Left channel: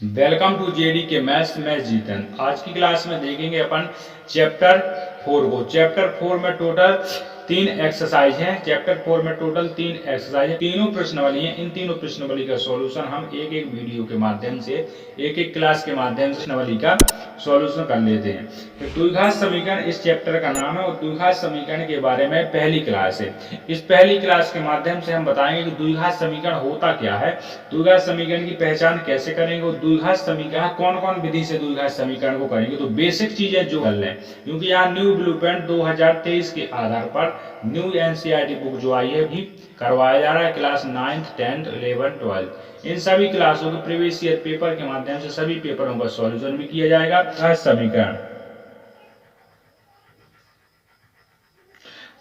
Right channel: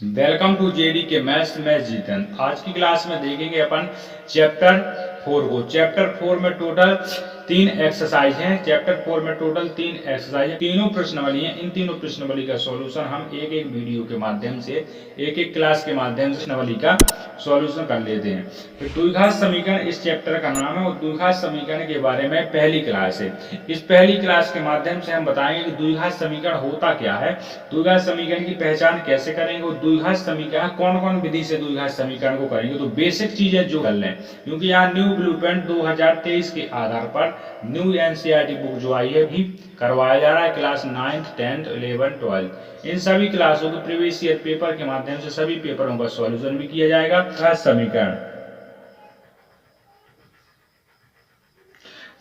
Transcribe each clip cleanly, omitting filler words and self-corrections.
Welcome to JD के maths में जीतन। आज की क्लास में देखेंगे अपन चैप्टर 4 को। चैप्टर 4 में टोटल 3 एक्सरसाइज हैं। चैप्टर 4 में टोटल 3 एक्सरसाइज है, तीनों प्रश्नावली हैं। इन तीनों प्रश्नावली का सॉल्यूशन हम एक एक वीडियो के माध्यम से, एक एक क्लास के माध्यम से प्रश्नावली का सॉल्यूशन कर लेते हैं। तो द्विघात समीकरण इस चैप्टर का नाम है और द्विघात समीकरण के बारे में पहली क्लास है। इस पहली क्लास के माध्यम से हम बताएंगे कि द्विघात समीकरण होता क्या है, द्विघात समीकरण की पहचान कैसे करेंगे और द्विघात समीकरण कौन कौन विधि से द्विघात समीकरण को करेंगे। तो बेसिक चीजें जो कर लें, क्योंकि यहाँ न्यू ब्लूप्रिंट 2023 के आधार पर न्यू एनसीईआरटी बुक जो आई है भी करवाया जा रहा है class 9th 10th 11th 12th। इन सभी क्लासों के प्रीवियस ईयर पेपर के माध्यम से सभी पेपरों का सॉल्यूशन भी किया जाएगा। समीकरण,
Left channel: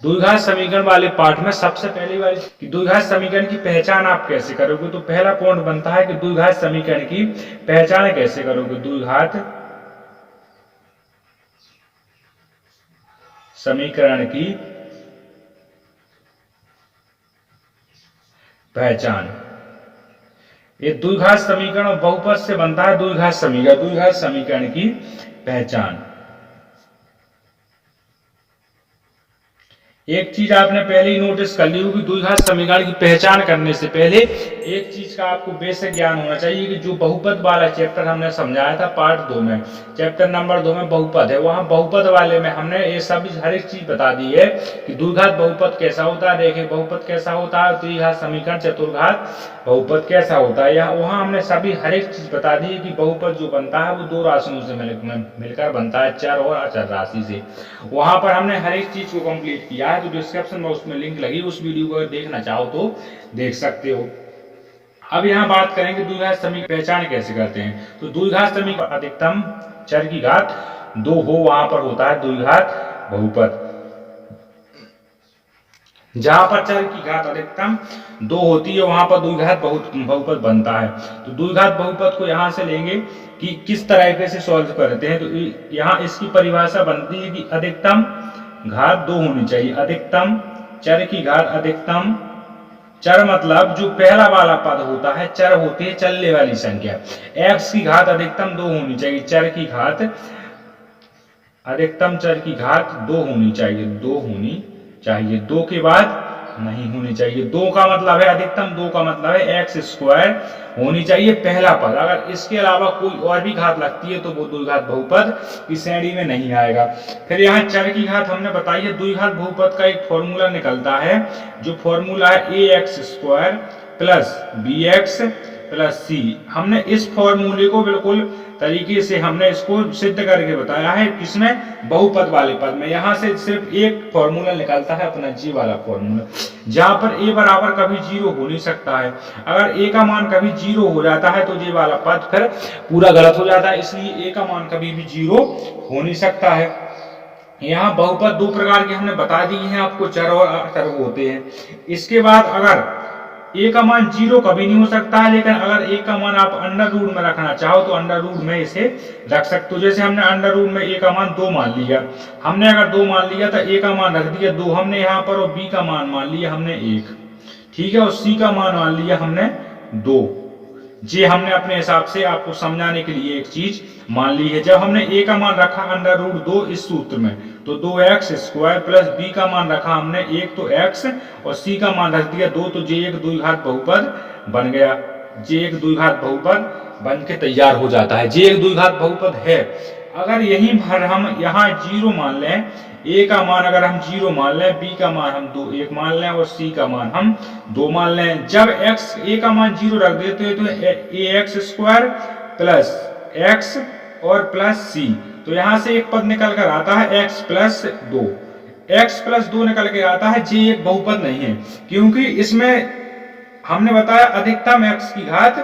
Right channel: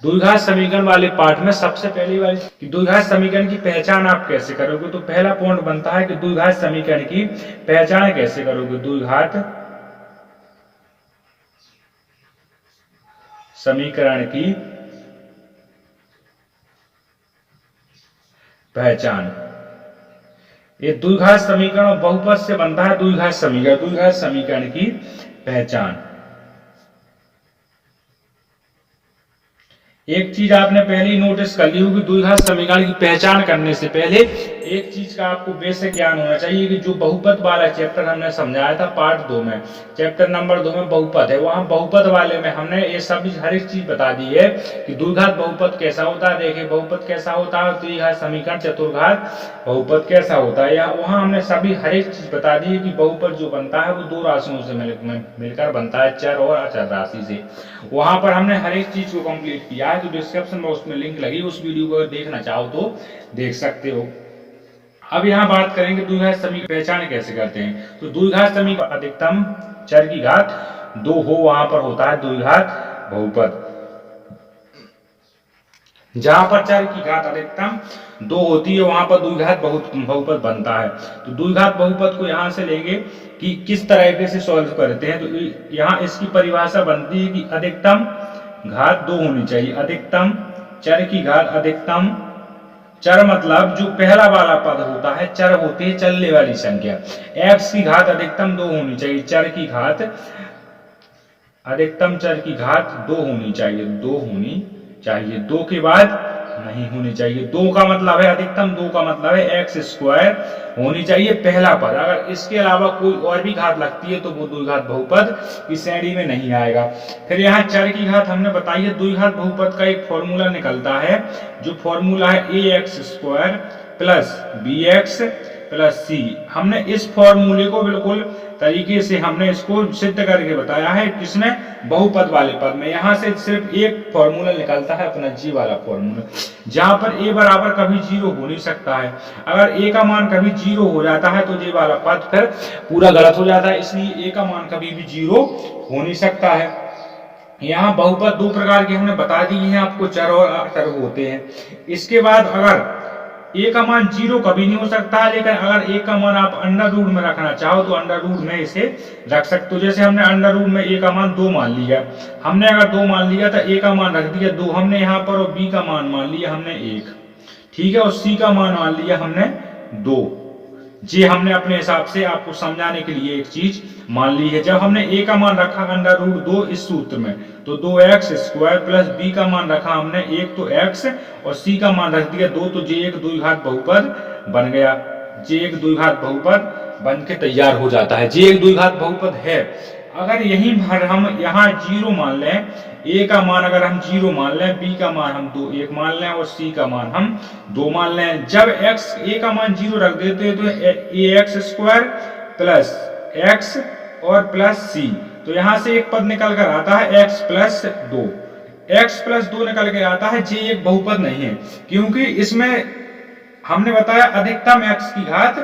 द्विघात समीकरण वाले पार्ट में सबसे पहली वाली कि द्विघात समीकरण की पहचान आप कैसे करोगे। तो पहला पॉइंट बनता है कि द्विघात समीकरण की पहचान कैसे करोगे। द्विघात समीकरण की पहचान, ये द्विघात समीकरण बहुपद से बनता है। द्विघात समीकरण की पहचान, एक चीज आपने पहले ही नोटिस कर ली होगी, द्विघात समीकरण की पहचान करने से पहले एक चीज का आपको बेसिक ज्ञान होना चाहिए कि जो बहुपद वाला चैप्टर हमने समझाया था पार्ट 2 में, चैप्टर नंबर 2 में बहुपद है, वहां बहुपद वाले में हमने ये सब हर एक चीज बता दी है कि द्विघात बहुपद कैसा होता है, रेखीय बहुपद कैसा होता है, द्विघात समीकरण चतुर्घात बहुपद कैसा होता है। वहां हमने सभी हर एक चीज बता दी है कि बहुपद जो बनता है वो दो राशियों से मिलकर बनता है, चर और अचर राशि से। वहां पर हमने हर एक चीज को कंप्लीट किया है। तो डिस्क्रिप्शन में उसमें लिंक लगी, उस वीडियो को अगर देखना चाहो तो देख सकते हो। अब यहाँ बात करेंगे द्विघात समीकरण पहचान कैसे करते हैं। तो द्विघात समीकरण अधिकतम चर की घात 2 हो, वहां पर होता है द्विघात बहुपद। जहां पर चर की घात अधिकतम 2 होती है वहां पर द्विघात बहुपद बनता है। तो द्विघात बहुपद को यहां से लेंगे कि किस तरीके से सॉल्व करते हैं। तो यहाँ इसकी परिभाषा बनती है कि अधिकतम घात 2 होनी चाहिए। अधिकतम चर की घात अधिकतम चर मतलब जो पहला वाला पद होता है, चर होते हैं चलने वाली संख्या। x की घात अधिकतम 2 होनी चाहिए, चर की घात अधिकतम चर की घात 2 होनी चाहिए, 2 होनी चाहिए, 2 के बाद नहीं होनी चाहिए। 2 का मतलब है अधिकतम, 2 का मतलब है x स्क्वायर होनी चाहिए पहला पद। अगर इसके अलावा कोई और भी घात लगती है तो वो द्विघात बहुपद की श्रेणी में नहीं आएगा। फिर यहाँ चर की घात हमने बताई है। द्विघात बहुपद का एक फॉर्मूला निकलता है, जो फॉर्मूला है ax square plus bx plus c। हमने इस फॉर्मूले को बिल्कुल तरीके से हमने इसको सिद्ध करके बताया है, किसमें, बहुपद वाले पद में। यहाँ से सिर्फ एक फॉर्मूला निकलता है अपना जी वाला फॉर्मूला, जहां पर a बराबर कभी 0 हो नहीं सकता है। अगर a का मान कभी 0 हो जाता है तो ये वाला पद फिर पूरा गलत हो जाता है, इसलिए a का मान कभी भी 0 हो नहीं सकता है। यहाँ बहुपद 2 प्रकार के हमने बता दिए हैं आपको, चर और अचर होते हैं। इसके बाद अगर a का मान 0 कभी नहीं हो सकता है, लेकिन अगर a का मान आप अंडर रूट में रखना चाहो तो अंडर रूट में इसे रख सकते हो। जैसे हमने अंडर रूट में a का मान 2 मान लिया, हमने अगर 2 मान लिया तो a का मान रख दिया 2 हमने यहाँ पर, और b का मान मान लिया हमने 1, ठीक है, और c का मान मान लिया हमने 2। जी हमने अपने हिसाब से आपको समझाने के लिए एक चीज मान ली है। जब हमने a का मान रखा अंडर रूट 2 इस सूत्र में, तो 2x स्क्वायर प्लस b का मान रखा हमने 1 तो x, और c का मान रख दिया 2, तो j एक द्विघात बहुपद बन गया। j एक द्विघात बहुपद बन के तैयार हो जाता है, j एक द्विघात बहुपद है। अगर यहीं भर हम यहाँ 0 मान लें, a का मान अगर हम 0 मान लें, b का मान हम 1 मान लें, और c का मान हम 2 मान लें। जब a का मान 0 रख देते हैं तो ax स्क्वायर प्लस x और प्लस c, तो यहाँ से एक पद निकल कर आता है x प्लस 2, x प्लस 2 निकल के आता है। j एक बहुपद नहीं है, क्योंकि इसमें हमने बताया अधिकतम x की घात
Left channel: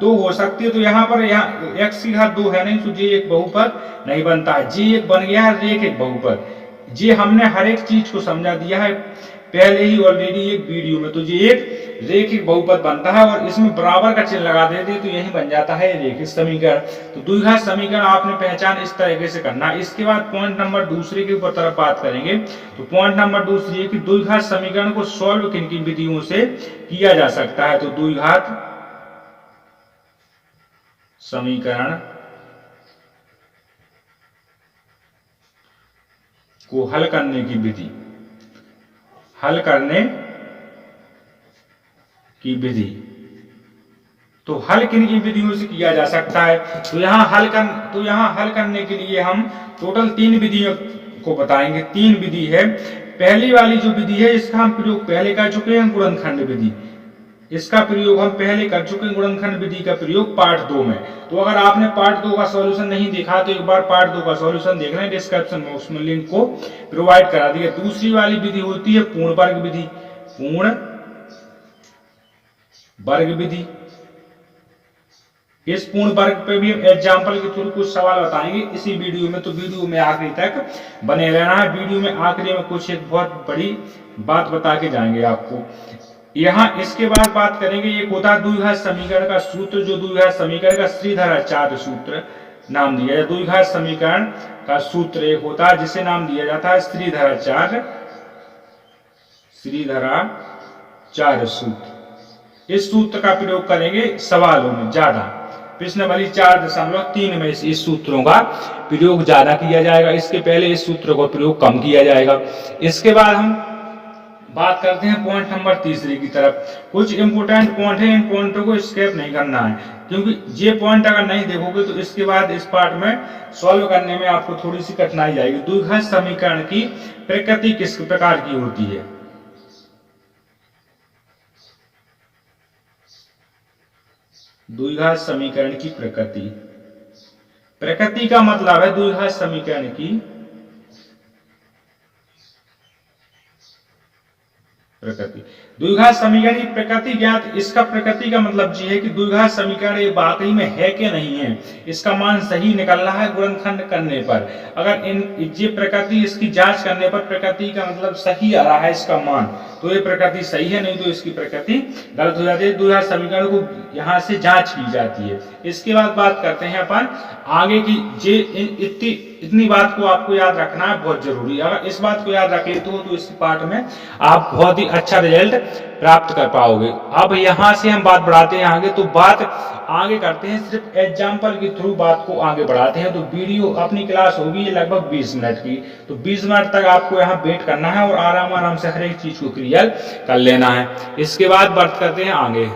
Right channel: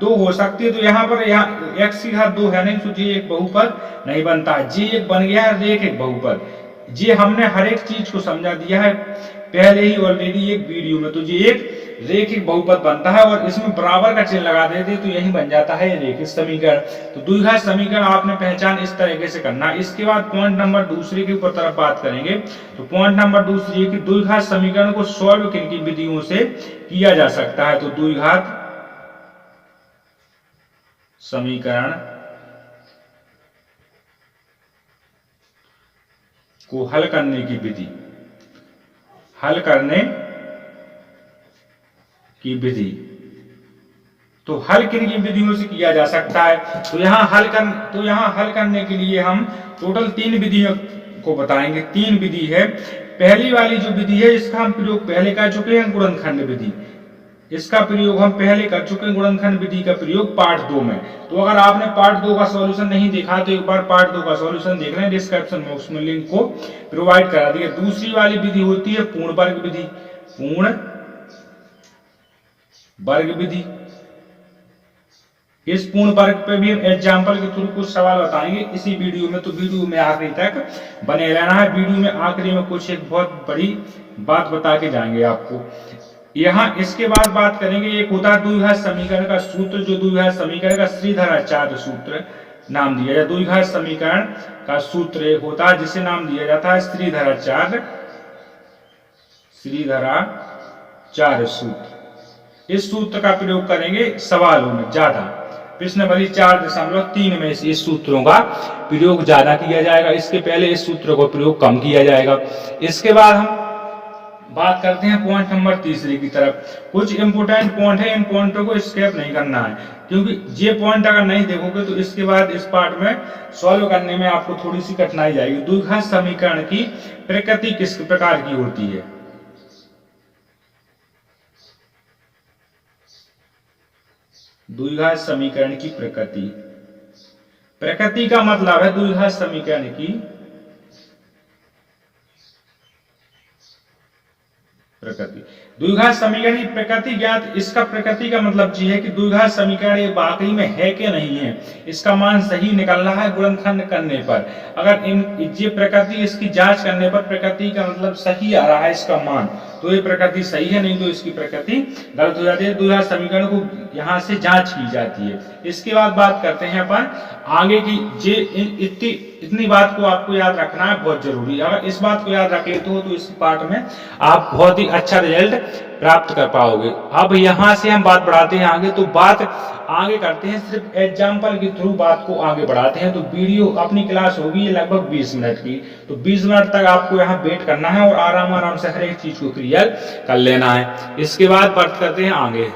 2 हो सकती है। तो यहाँ पर x की घात 2 है नहीं, तो j एक बहुपद नहीं बनता है। j एक बन गया है रेखिक बहुपद। j हमने हर एक चीज को समझा दिया है पहले ही ऑलरेडी एक वीडियो में। तो ये एक रेखिक बहुपद बनता है, और इसमें बराबर का चिन्ह लगा देते तो यही बन जाता है रेखिक समीकरण। तो द्विघात समीकरण आपने पहचान इस तरीके से करना है। इसके बाद पॉइंट नंबर दूसरे के ऊपर तरफ बात करेंगे। तो पॉइंट नंबर दूसरी है कि द्विघात समीकरण को सॉल्व किन किन विधियों से किया जा सकता है। तो द्विघात समीकरण को हल करने की विधि, हल करने की विधि। तो हल किन किन विधियों से किया जा सकता है? तो यहाँ हल करने के लिए हम टोटल 3 विधियों को बताएंगे। 3 विधि है। पहली वाली जो विधि है इसका हम प्रयोग पहले कर चुके हैं, गुणनखंड विधि। इसका प्रयोग हम पहले कर चुके हैं, गुणनखंड विधि का प्रयोग पार्ट 2 में। तो अगर आपने पार्ट 2 का सॉल्यूशन नहीं देखा तो एक बार पार्ट 2 का सॉल्यूशन देख लें, डिस्क्रिप्शन बॉक्स में लिंक को प्रोवाइड करा दिया। दूसरी वाली विधि होती है पूर्ण वर्ग विधि। पूर्ण वर्ग विधि, इस पूर्ण वर्ग पे भी हम एग्जाम्पल के थ्रू कुछ सवाल बताएंगे इसी वीडियो में। तो वीडियो में आखिरी तक बने रहना है। वीडियो में आखिरी में कुछ एक बहुत बड़ी बात बता के जाएंगे आपको। यहाँ इसके बाद बात करेंगे, एक होता है द्विघात समीकरण का सूत्र, जो द्विघात समीकरण का श्रीधराचार्य सूत्र नाम दिया जाए। द्विघात समीकरण का सूत्र एक होता है जिसे नाम दिया जाता है श्रीधराचार्य सूत्र। इस सूत्र का प्रयोग करेंगे सवालों में ज्यादा, प्रश्नावली 4.3 में इस सूत्रों का प्रयोग ज्यादा किया जाएगा। इसके पहले इस सूत्र को प्रयोग कम किया जाएगा। इसके बाद हम बात करते हैं पॉइंट नंबर 3 की तरफ। कुछ इंपोर्टेंट पॉइंट है, इन पॉइंटों को स्किप नहीं करना है, क्योंकि ये पॉइंट अगर नहीं देखोगे तो इसके बाद इस पार्ट में सॉल्व करने में आपको थोड़ी सी कठिनाई आएगी। द्विघात समीकरण की प्रकृति किस प्रकार की होती है? द्विघात समीकरण की प्रकृति, प्रकृति का मतलब है द्विघात समीकरण की प्रकृति। द्विघात समीकरण की प्रकृति ज्ञात। इसका प्रकृति का मतलब ये है कि द्विघात समीकरण ये वाकई में है कि नहीं है, इसका मान सही निकल रहा है गुणनखंड करने पर। अगर ये प्रकृति, इसकी जांच करने पर प्रकृति का मतलब सही आ रहा है इसका मान, तो ये प्रकृति सही है, नहीं तो इसकी प्रकृति गलत हो जाती है। द्विघात समीकरण को यहाँ से जांच की जाती है। इसके बाद बात करते हैं अपन आगे की। इतनी बात को आपको याद रखना है, बहुत जरूरी। अगर इस बात को याद रख लेते हो तो इस पार्ट में आप बहुत ही अच्छा रिजल्ट प्राप्त कर पाओगे। अब यहाँ से हम बात बढ़ाते हैं आगे, तो बात आगे करते हैं, सिर्फ एग्जाम्पल के थ्रू बात को आगे बढ़ाते हैं। तो वीडियो अपनी क्लास होगी लगभग 20 मिनट की, तो 20 मिनट तक आपको यहाँ वेट करना है और आराम आराम से हर एक चीज को क्लियर कर लेना है। इसके बाद बात करते हैं आगे।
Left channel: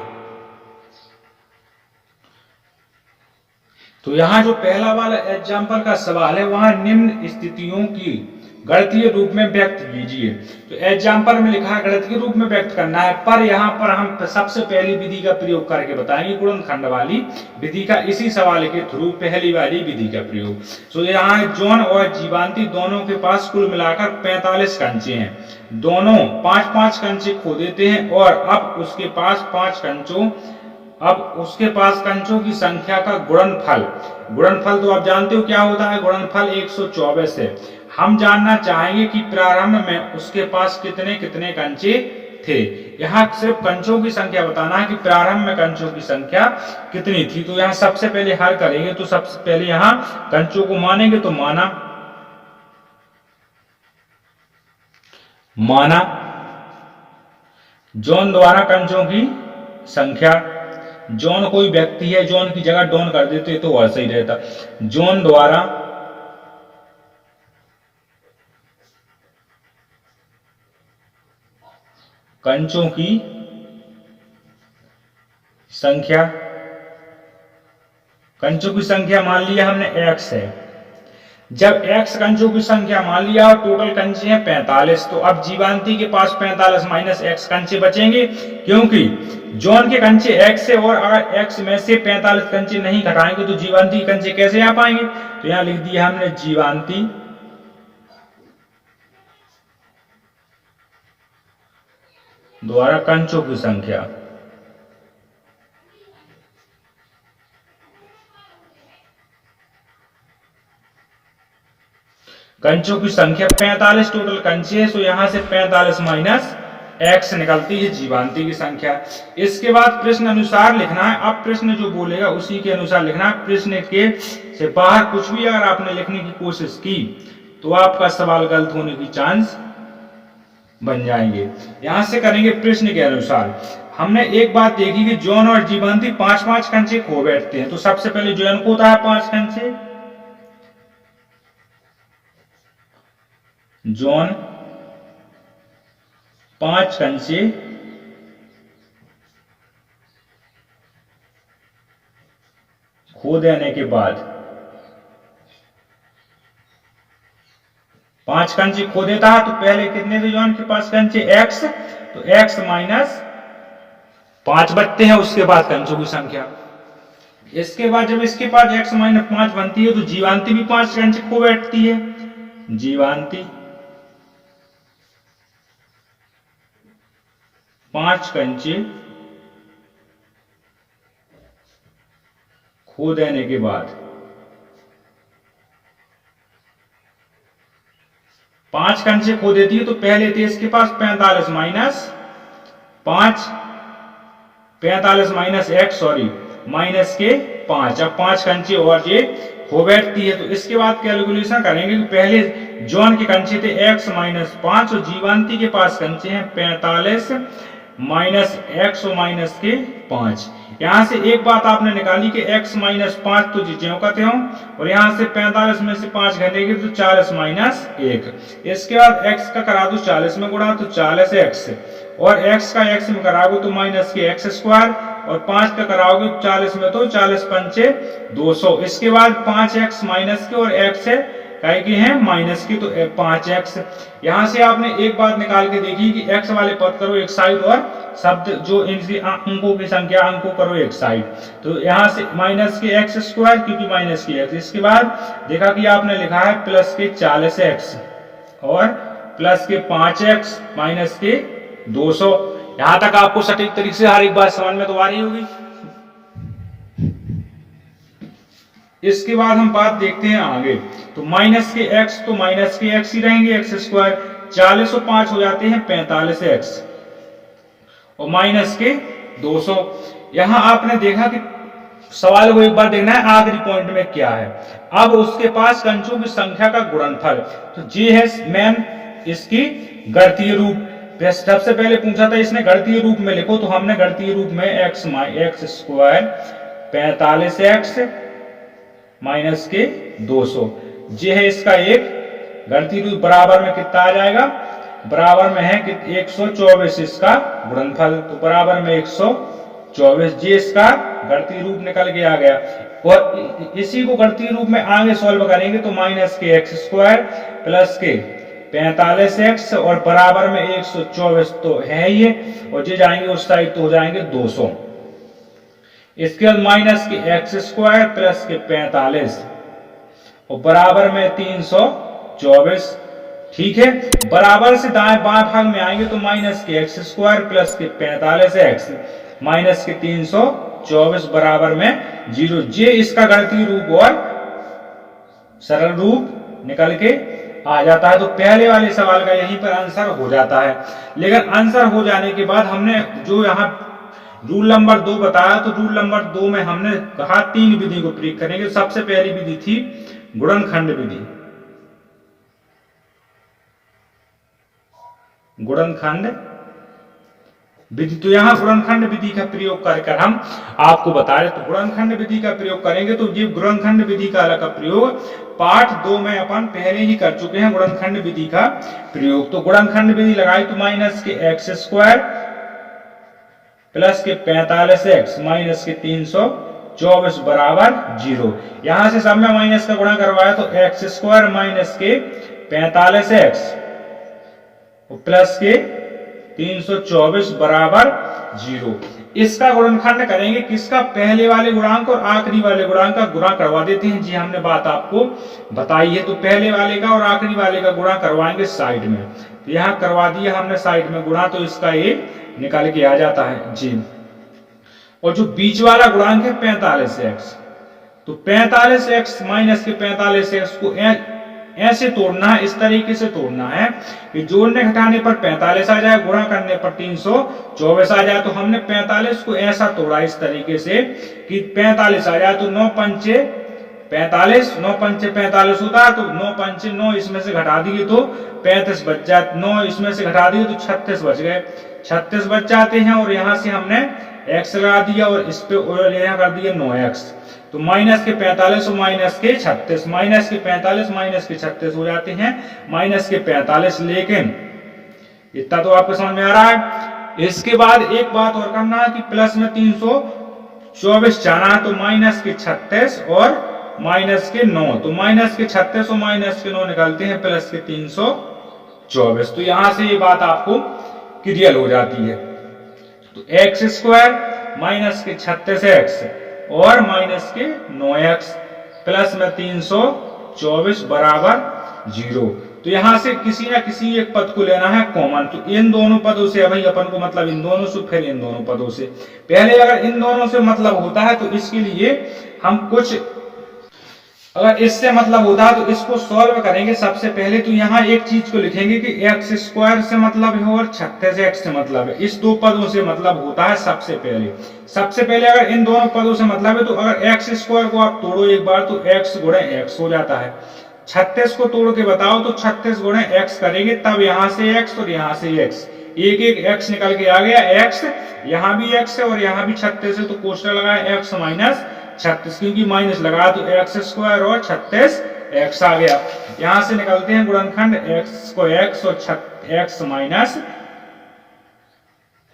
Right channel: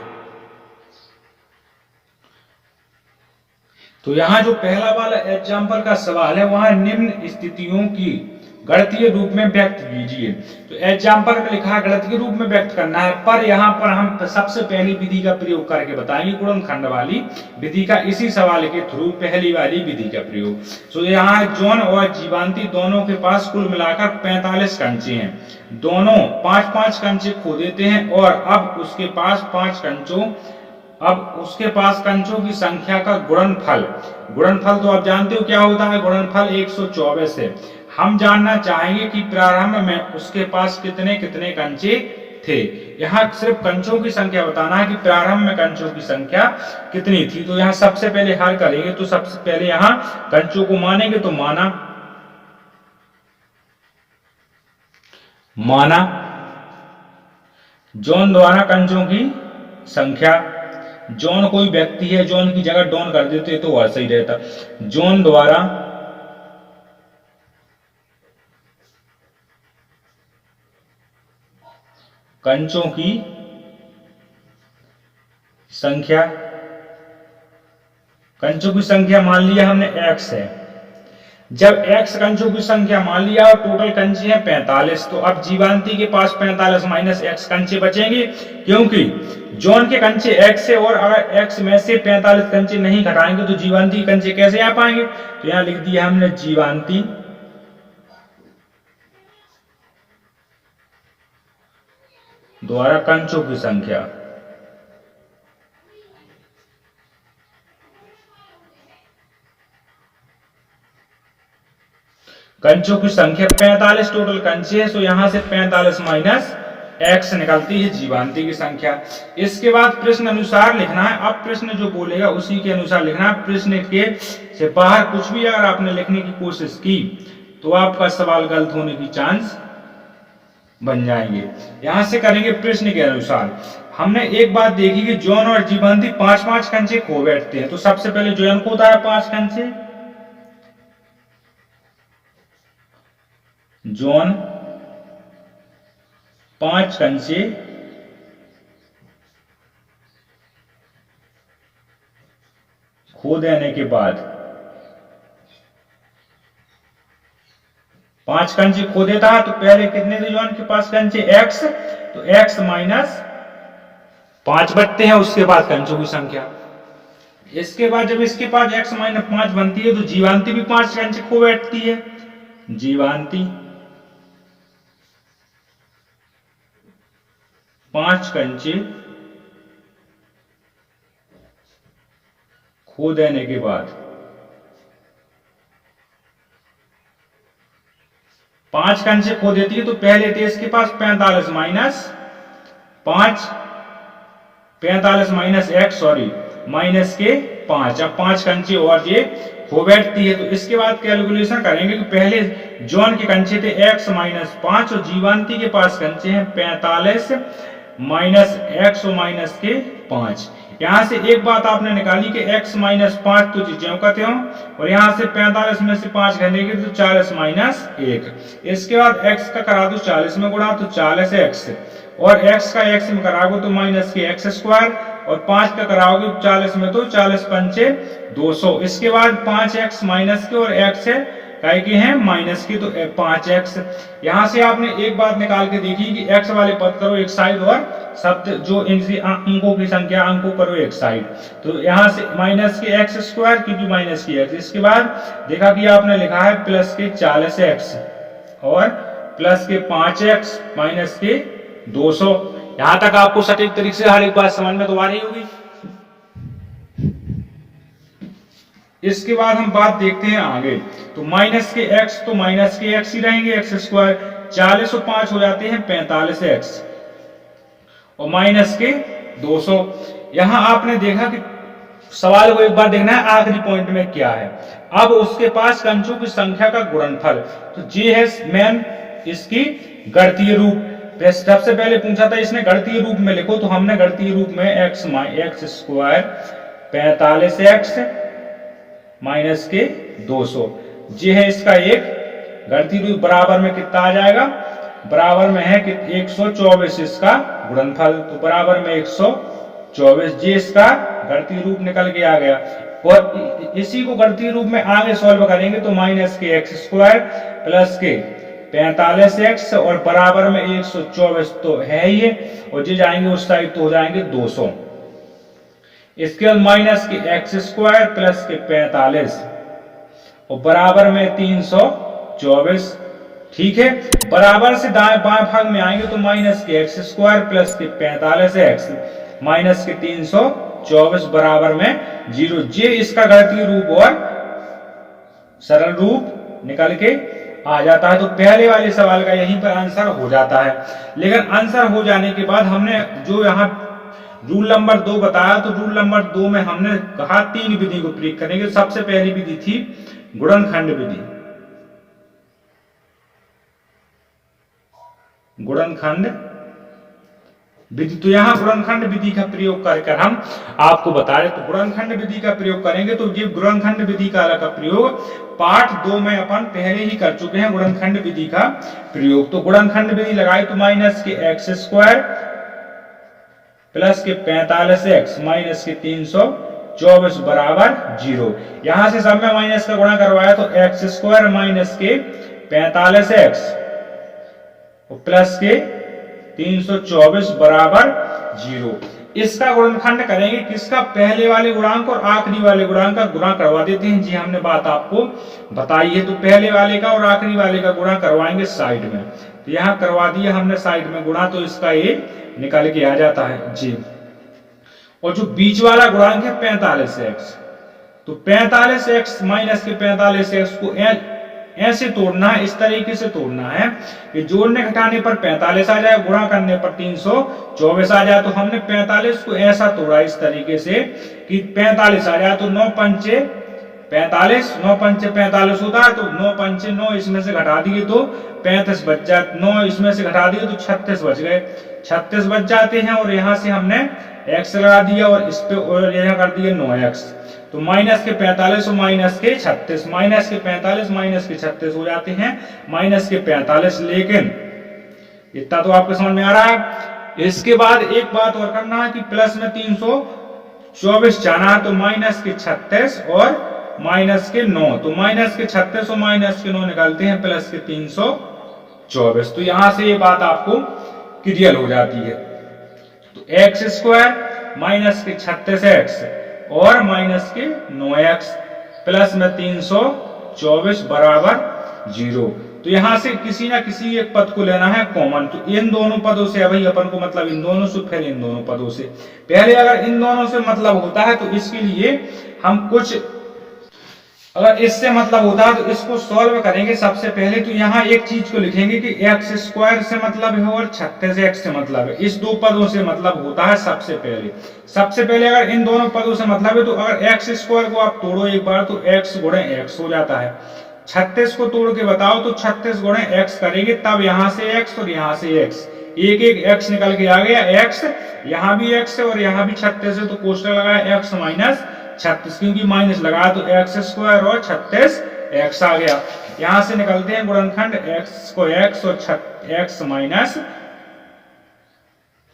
तो यहाँ जो पहला वाला एग्जाम्पल का सवाल है, वहां निम्न स्थितियों की गणितीय रूप में व्यक्त कीजिए। तो एग्जाम्पल में लिखा है गणितीय रूप में व्यक्त करना है, पर यहाँ पर हम सबसे पहली विधि का प्रयोग करके बताएंगे, गुणनखंड वाली विधि का। इसी सवाल के थ्रू पहली वाली विधि का प्रयोग। तो यहाँ जॉन और जीवांती दोनों के पास कुल मिलाकर 45 कंचे हैं। दोनों 5-5 कंचे खो देते हैं और अब उसके पास कंचों की संख्या का गुणनफल तो आप जानते हो क्या होता है, गुणनफल 124 है। हम जानना चाहेंगे कि प्रारंभ में उसके पास कितने कितने कंचे थे। यहाँ सिर्फ कंचों की संख्या बताना है कि प्रारंभ में कंचों की संख्या कितनी थी। तो यहाँ सबसे पहले हल करेंगे, तो सबसे पहले यहाँ कंचों को मानेंगे। तो माना जॉन द्वारा कंचों की संख्या। जॉन कोई व्यक्ति है, जॉन की जगह डॉन कर देते तो और सही रहता। जॉन द्वारा कंचों की संख्या, कंचों की संख्या मान लिया हमने x है। जब x कंचों की संख्या मान लिया और टोटल कंचे हैं 45, तो अब जीवांती के पास 45 माइनस x कंचे बचेंगे, क्योंकि जॉन के कंचे x है और अगर x में से 45 कंचे नहीं घटाएंगे तो जीवांती के कंचे कैसे आ पाएंगे। तो यहां लिख दिया हमने जीवांती द्वारा कंचों की संख्या। कंचों की संख्या 45 टोटल कंचे है, तो यहां से 45 माइनस x निकलती है जीवांती की संख्या। इसके बाद प्रश्न अनुसार लिखना है। अब प्रश्न जो बोलेगा उसी के अनुसार लिखना है। प्रश्न के से बाहर कुछ भी अगर आपने लिखने की कोशिश की तो आपका सवाल गलत होने की चांस बन जाएंगे। यहां से करेंगे प्रश्न के अनुसार। हमने एक बात देखी कि जॉन और जीवंती 5-5 कंचे खो बैठते हैं। तो सबसे पहले जॉन खोता है 5 कंचे, जॉन 5 कंचे खो देने के बाद 5 कंचे खो देता है। तो पहले कितने थे जॉन के पास कंचे? x, तो x माइनस 5 बचते हैं, उसके बाद कंचों की संख्या। इसके बाद जब इसके पास x माइनस 5 बनती है तो जीवांती भी 5 कंचे खो बैठती है, जीवांती 5 कंचे खो देने के बाद 5 कंचे खो देती है। तो पहले थे इसके पास 45 minus 5, 45 minus x, sorry minus के 5। अब 5 कंचे और ये खो बैठती है। तो इसके बाद कैलकुलेशन करेंगे कि पहले जॉन के कंचे थे x माइनस 5 और जीवांती के पास कंचे हैं 45 माइनस x और माइनस के 5। यहां से एक बात आपने निकाली कि x माइनस 5 तो ज्यों का त्यों, और यहां से 45 में से 5 घटेंगे तो 40 माइनस 1। इसके बाद x का करा दो 40 में गुणा, तो 40x, और x का x में कराओगे तो माइनस के x स्क्वायर, और 5 का कराओगे 40 में तो 40 पंचे 200। इसके बाद 5x माइनस के और x है काय के हैं माइनस की, तो 5x। यहां से आपने एक बात निकाल के देखी कि x वाले पद करो एक साइड और शब्द जो इनकी अंकों की संख्या अंकों करो एक साइड। तो यहां से माइनस के x स्क्वायर, क्योंकि माइनस की x। इसके बाद देखा कि आपने लिखा है प्लस के 40x और प्लस के 5x माइनस के 200। यहां तक आपको सटीक तरीके से हर एक बात समझ में तो आ रही होगी। इसके बाद हम बात देखते हैं आगे। तो माइनस के x, तो माइनस के x ही रहेंगे, x स्क्वायर। 40 और 5 हो जाते हैं 45x और माइनस के 200। यहां आपने देखा कि सवाल को एक बार देखना है आखिरी पॉइंट में क्या है। अब उसके पास कंचों की संख्या का गुणनफल, तो ये है मेन इसकी गणितीय रूप। सबसे पहले पूछा था इसने गणितीय रूप में लिखो, तो हमने गणितीय रूप में x स्क्वायर 45x माइनस के 200, ये है इसका एक गणितीय रूप। बराबर में कितना आ जाएगा? बराबर में है कि 124 इसका गुणनफल, तो बराबर में 124, ये इसका गणितीय रूप निकल के आ गया। और इसी को गणितीय रूप में आगे सॉल्व करेंगे तो माइनस के x स्क्वायर प्लस के 45x और बराबर में 124 तो है ही है, और ये जाएंगे उस साइड तो हो जाएंगे 200। इसके बाद माइनस के x स्क्वायर प्लस के 45 और बराबर में 324। ठीक है, बराबर से दाएं बाएं भाग में आएंगे तो माइनस के x स्क्वायर प्लस के 45x माइनस के 324 बराबर में 0। ये इसका गणितीय रूप और सरल रूप निकल के आ जाता है। तो पहले वाले सवाल का यहीं पर आंसर हो जाता है। लेकिन आंसर हो जाने के बाद हमने जो यहाँ रूल नंबर 2 बताया, तो रूल नंबर 2 में हमने कहा 3 विधि को प्रयोग करेंगे। सबसे पहली विधि थी गुणनखंड विधि, गुणनखंड विधि। तो यहां गुणनखंड विधि का प्रयोग कर हम आपको बता रहे। तो गुणनखंड विधि का प्रयोग करेंगे, तो ये गुणनखंड विधि का प्रयोग पार्ट 2 में अपन पहले ही कर चुके हैं गुणनखंड विधि का प्रयोग। तो गुणनखंड विधि लगाई तो माइनस के x स्क्वायर प्लस के 45x माइनस के 324 बराबर 0। यहां से सब में माइनस का गुणा करवाया तो x स्क्वायर माइनस के 45x प्लस के 324 बराबर 0। इसका गुणनखंड करेंगे किसका? पहले वाले गुणांक और आखिरी वाले गुणांक का गुणा करवा देते हैं। जी हमने बात आपको बताई है। तो पहले वाले का और आखिरी वाले का गुणा करवाएंगे साइड में। तो यहां करवा दिया हमने साइड में गुणा, तो इसका ये निकल के आ जाता है जी। और जो बीच वाला गुणांक है 45x, तो 45x माइनस के 45x को ऐसे तोड़ना है, इस तरीके से तोड़ना है कि जोड़ने घटाने पर 45 आ जाए, गुणा करने पर 324 आ जाए। तो हमने 45 को ऐसा तोड़ा इस तरीके से कि 45 आ जाए, तो 9 पंचे 45, 9 पंचे 45 होता है, तो 9 पंचे 9 इसमें से घटा दिए तो 35 बच जाए, 9 इसमें से घटा दिए तो 36 बच गए। 36 बच जाते हैं और यहाँ से हमने x लगा दिया और इस पे यहाँ कर दिया 9x। तो माइनस के 45 और माइनस के 36, माइनस के 45 माइनस के 36 हो जाते हैं माइनस के 45। लेकिन इतना तो आपको समझ में आ रहा है। इसके बाद एक बात और करना है कि प्लस में 324 जाना है, तो माइनस के 36 और माइनस के 9, तो माइनस के 36 और माइनस के 9 निकालते हैं प्लस के 324। तो यहां से ये बात आपको क्लियर हो जाती है। तो एक्स स्क्वायर माइनस के 36x और माइनस के 9x प्लस में 324 बराबर 0। तो यहां से किसी ना किसी एक पद को लेना है कॉमन। तो इन दोनों पदों से भाई अपन को मतलब इन दोनों से, फिर इन दोनों पदों से। पहले अगर इन दोनों से मतलब होता है तो इसके लिए हम कुछ, अगर इससे मतलब होता है तो इसको सॉल्व करेंगे। सबसे पहले तो यहाँ एक चीज को लिखेंगे कि एक्स स्क्वायर से मतलब है और 36x से मतलब है। इस दो पदों से मतलब होता है सबसे पहले अगर इन दोनों पदों से मतलब है तो अगर एक्स स्क्वायर को आप तोड़ो एक बार तो x गुणे x हो जाता है। 36 को तोड़ के बताओ तो 36 गुणे x करेंगे, तब यहाँ से x और यहाँ से x, एक एक x निकल के आ गया। x यहाँ भी x है और यहाँ भी 36 है, तो कोष्टक लगाया x माइनस 36, क्योंकि माइनस लगाया तो एक्स स्क्वायर और 36x आ गया। यहां से निकलते हैं गुणनखंड x को x और x माइनस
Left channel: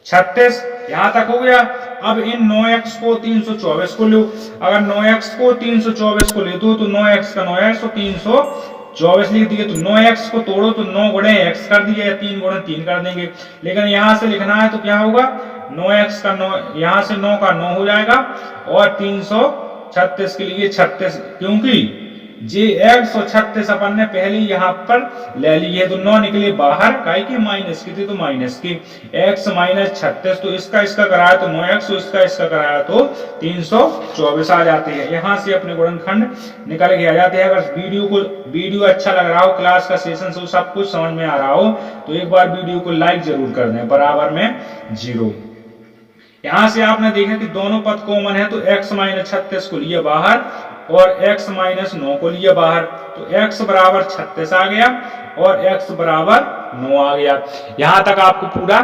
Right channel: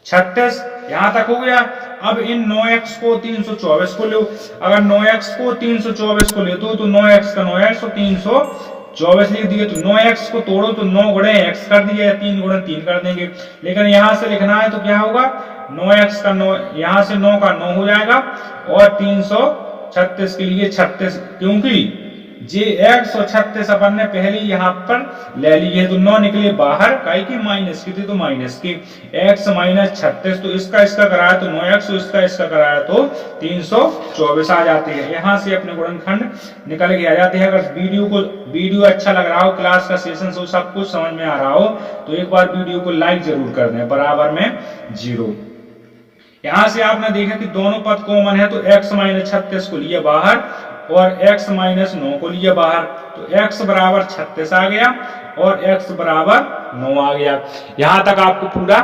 36, यहां तक हो गया। अब इन 9x को 324 को लो, अगर 9x को 324 को लेते हो तो 9x का 9x और 324 लिख दिए। तो 9x को तोड़ो तो 9 गुणे x कर दिया, 3 गुणे 3 कर देंगे। लेकिन यहां से लिखना है तो क्या होगा, 9x का 9, यहां से 9 का 9 हो जाएगा और 336 के लिए 36, क्योंकि जे x और 36 अपन ने पहले यहाँ पर ले ली है। तो 9 निकले बाहर, काई की माइनस की थी तो माइनस की x माइनस 36, तो इसका कराया तो 9x और इसका कराया तो 324 आ जाते हैं। यहाँ से अपने गुणनखंड निकल के आ जाते हैं। अगर वीडियो अच्छा लग रहा हो, क्लास का सेशन सब कुछ समझ में आ रहा हो तो एक बार वीडियो को लाइक जरूर कर दें। बराबर में 0। यहां से आपने देखा कि दोनों पद कॉमन है, तो x माइनस 36 को लिया बाहर और x माइनस 9 को लिया बाहर, तो x बराबर 36 आ गया और x बराबर 9 आ गया। यहां तक आपको पूरा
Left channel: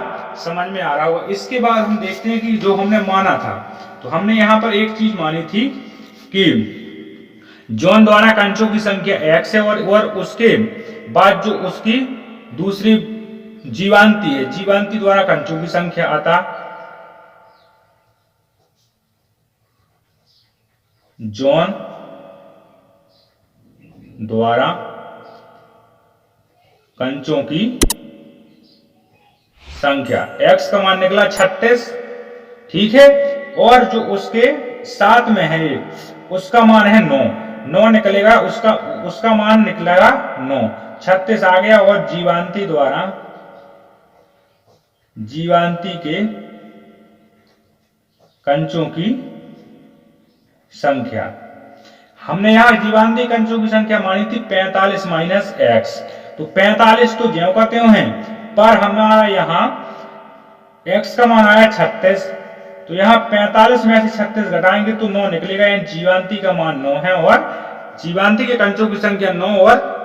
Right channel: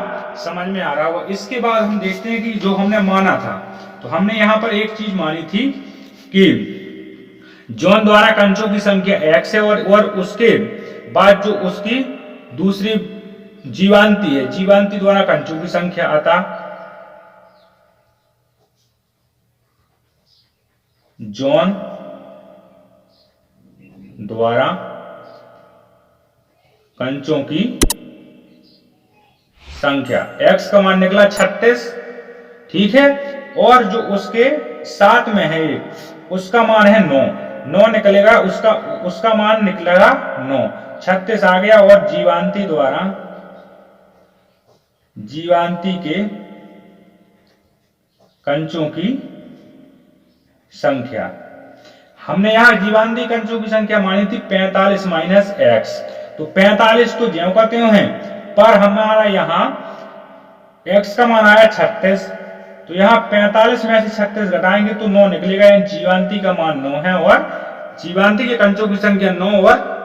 समझ में आ रहा होगा। इसके बाद हम देखते हैं कि जो हमने माना था, तो हमने यहां पर एक चीज मानी थी कि जॉन द्वारा कंचों की संख्या x है और उसके बाद जो उसकी दूसरी जीवांती है, जीवांती द्वारा कंचों की संख्या आता जॉन द्वारा कंचों की संख्या, x का मान निकला 36, ठीक है, और जो उसके साथ में है उसका मान है 9 निकलेगा, उसका मान निकलेगा 9, 36 आ गया। और जीवांती के कंचों की संख्या, हमने यहां जीवांती कंचों की संख्या मानी थी 45 माइनस x। तो 45 तो ज्यों का त्यों है, पर हमारा यहां x का मान आया 36, तो यहां 45 में से 36 घटाएंगे तो 9 निकलेगा। यानी जीवांती का मान 9 है और जीवांती के कंचों की संख्या 9 और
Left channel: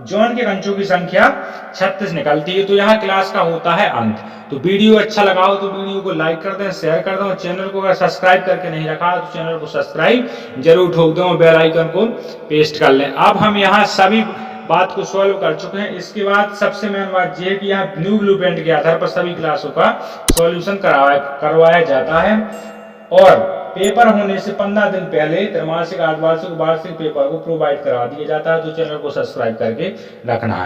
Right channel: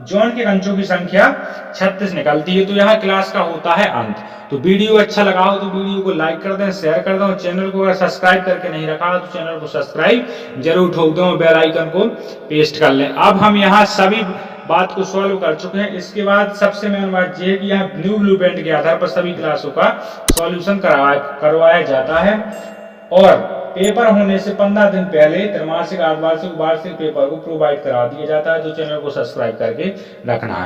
जॉन के कंचों की संख्या 36 निकलती है। तो यहाँ क्लास का होता है अंत। तो वीडियो अच्छा लगा हो तो वीडियो को लाइक कर दें, शेयर कर दें, चैनल को अगर सब्सक्राइब करके नहीं रखा तो चैनल को सब्सक्राइब जरूर ठोक दें और बेल आइकन को पेस्ट कर लें। अब हम यहाँ सभी बात को सॉल्व कर चुके हैं। इसके बाद सबसे मेन बात यह है कि यहाँ न्यू ब्लूप्रिंट के आधार पर सभी क्लासों का सॉल्यूशन करवाया जाता है और पेपर होने से 15 दिन पहले त्रैमासिक, अर्धवार्षिक, वार्षिक पेपर को प्रोवाइड करा दिया जाता है। तो चैनल को सब्सक्राइब करके रखना है।